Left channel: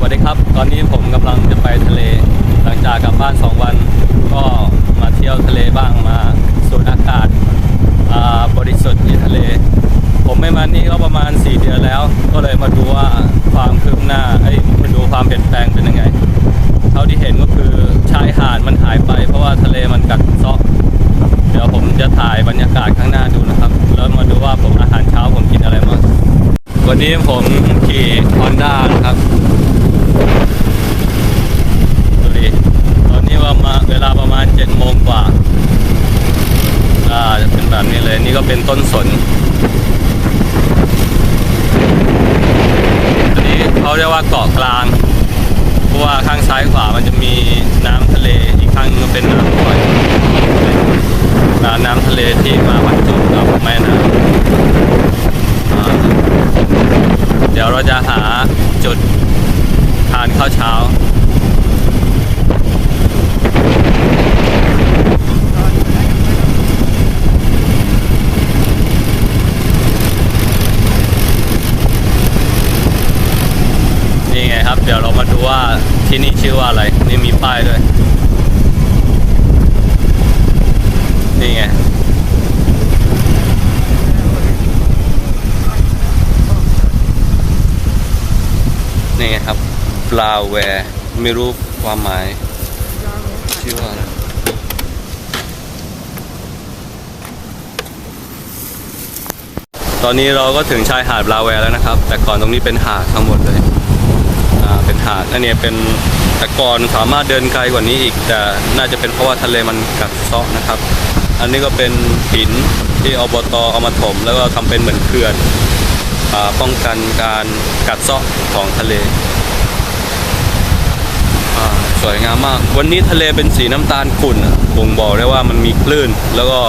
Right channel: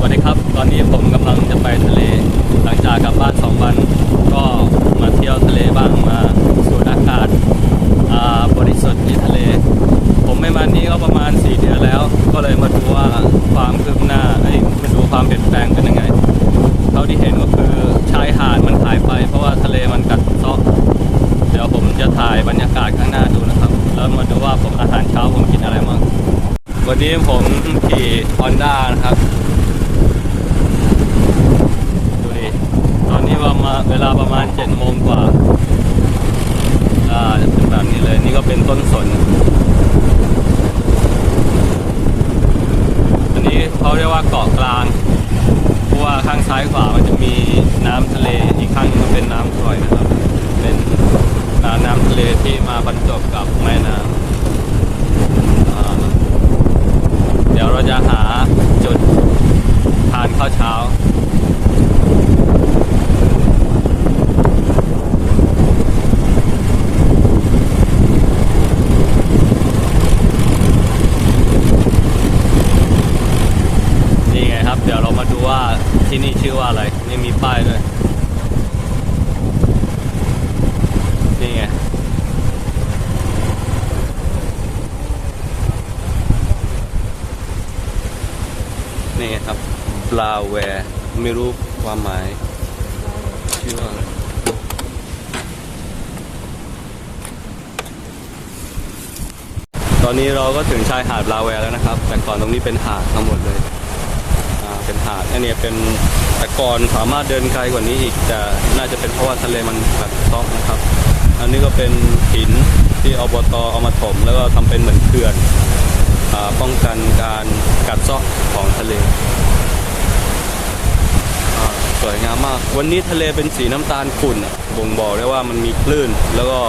สวัสดีครับ ตอนนี้ผมกำลังจะไปทะเล หลังจากกลับบ้าน 2 วัน ก็มาเที่ยวทะเลบ้างมาสูดอากาศาบริสุทธิ์ที่ทะเล ผมไม่มานี่ก็ประมาณ 4 เดือนแล้ว ก็เลยมาดูว่าความคืบหน้าเอ้มาดูความเปลี่ยนแปลงเป็นยังไง เท่าที่เห็นก็คือชายหาดมันหายไป เพราะว่าทะเลมันกัดเซาะเดี๋ยวผมจะถ่ายบรรยากาศข้างหน้าดูนะครับ แล้วมาดูว่าผมอาหารเช้าผมกินอะไรบ้างวันนี้ผมขี่ Honda นะครับ ดูดิ ตอนนี้ว่ามาเวลาประมาณ7โมงกว่าอ่าจะเป็นแบบนี้เลยนี่ก็เป็นต้นสนอันนี้เขาเรียกว่าเกาะกลาง เพราะว่าข้างซ้ายขวามันจะมีน้ำทะเลอีกข้างนึงก็เป็นน้ำปล่อยเป็นน้ำทะเลที่มาบรรจบกับแม่น้ำเดี๋ยวเราจะหาจุดทานข้าวเช้า นี่ไงครับ เดี๋ยวเรามาดูว่าที่นี่ชื่อว่าอะไร นี่มีป้ายด้วย นี่ไง นี่ไงครับปลาแวร์ไม่รู้ความหมาย ชื่อว่าอะไรตอนนี้เราก็ถึงชายหาดปลาแวร์แล้วนะครับ แต่ก่อนตรงนี้เป็นหาดทั้งหมดเลย เป็นหาดอันนี้เป็นต่ก่อนสามารถเดินไกลกว่านี้อีก แต่น่าจะเป็นเพราะว่าทะเลมันกัดเซาะนะครับ อันนี้ก็เป็นหินที่อบตเอามาถม แล้วก็ทำเป็นเหมือนเขื่อนอป้องกันการกัดเซาะของทะเลสวยงามมาก วันนี้ทะเลเป็นสีน้ำตาลขุ่นบ่งบอกได้ว่ามันมีคลื่น แล้วก็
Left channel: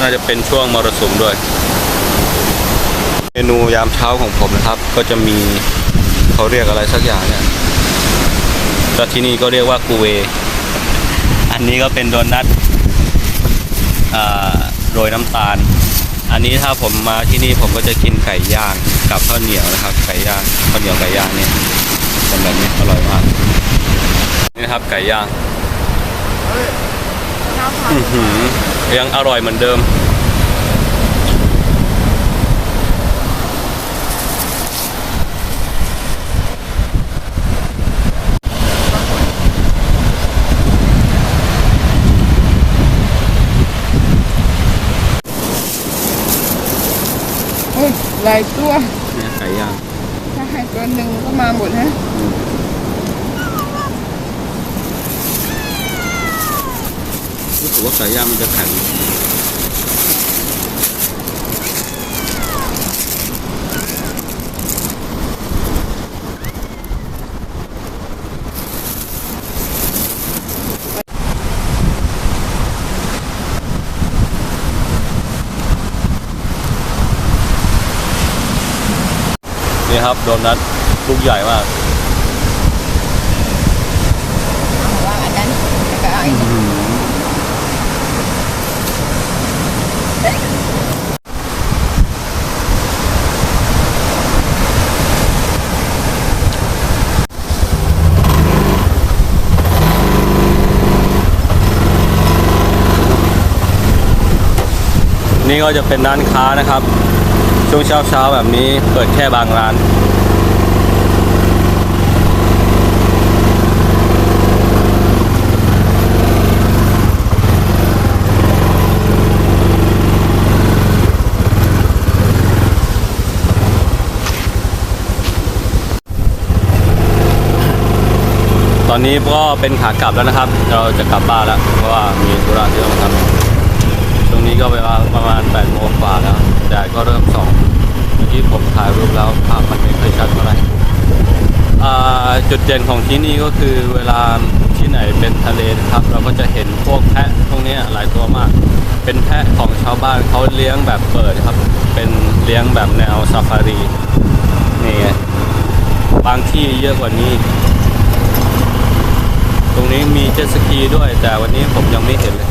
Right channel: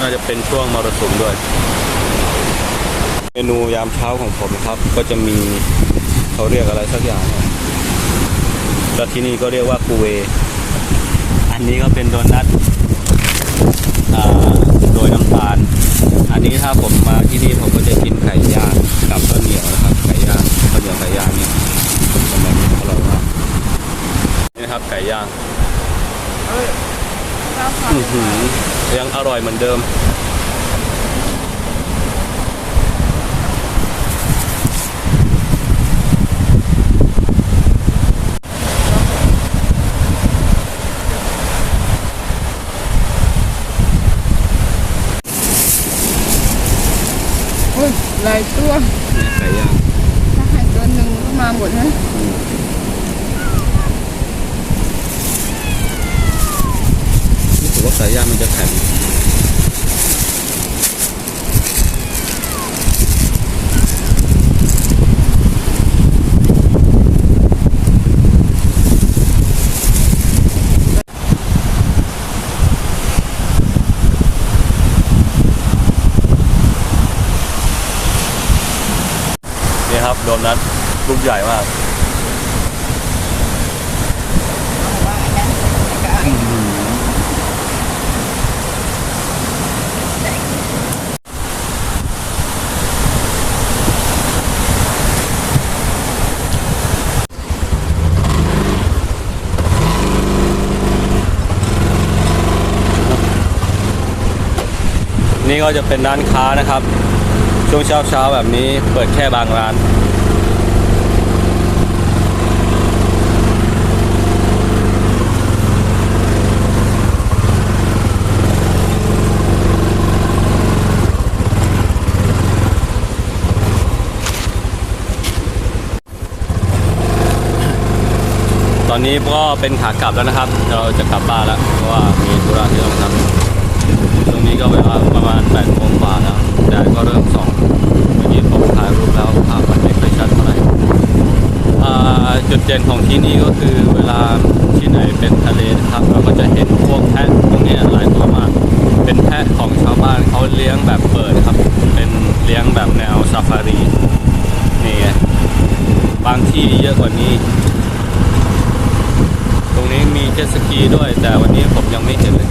น่าจะเป็นช่วงมรสุมด้วย เมนูยามเช้าของผมนะครับ ก็จะมี เขาเรียกอะไรสักอย่างเนี่ยก็ที่นี่ก็เรียกว่ากูเว อันนี้ก็เป็นโดนัทโรยน้ำตาล อันนี้ถ้าผมมาที่นี่ผมก็จะกินไก่ย่างกับข้าวเหนียวนะครับ ไก่ย่างข้าวเหนียวไก่ย่างเนี่ยเป็นแบบนี้อร่อยมาก นี่ครับไก่ย่างอือหือยังอร่อยเหมือนเดิม หลายตัวนะไก่ย่างถ้าให้ตัวหนึ่งก็มาหมดนะรู้สึกว่าไก่ย่างมันจะแข็ง นี่ครับโดนัทลูกใหญ่มากว่าอันนั้นก็เอาอีกนี่ก็จะเป็นร้านค้านะครับ ช่วงเช้าเช้าแบบนี้เปิดแค่บางร้าน ตอนนี้ก็เป็นขากลับแล้วนะครับ เราจะกลับบ้านแล้ว เพราะว่ามีธุระที่ต้องทำ รงนี้ก็เวลาประมาณ8โมงกว่าแล้วแดดก็เริ่มส่องเมื่อกี้ผมถ่ายรูปแล้วภาพมันไม่ค่อยชัดเท่าไหร่จุดเด่นของที่นี่ก็คือเวลาที่ไหนเป็นทะเลนะครับ เราก็จะเห็นพวกแพะพวกนี้หลายตัวมาก เป็นแพะของชาวบ้านเขาเลี้ยงแบบเปิดครับ เป็นเลี้ยงแบบแนวซาฟารีนี่ไงบางที่เยอะกว่านี้ ตรงนี้มีเจ็ตสกีด้วย แต่วันนี้ผมยังไม่เห็นเลย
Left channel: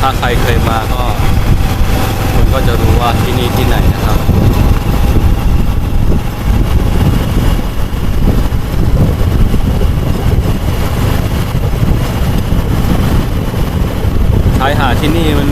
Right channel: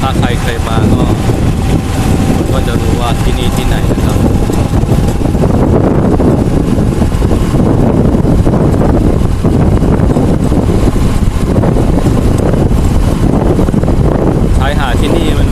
ถ้าใครเคยมาก็คุณก็จะรู้ว่าที่นี่ที่ไหนนะครับชายหาดที่นี่มัน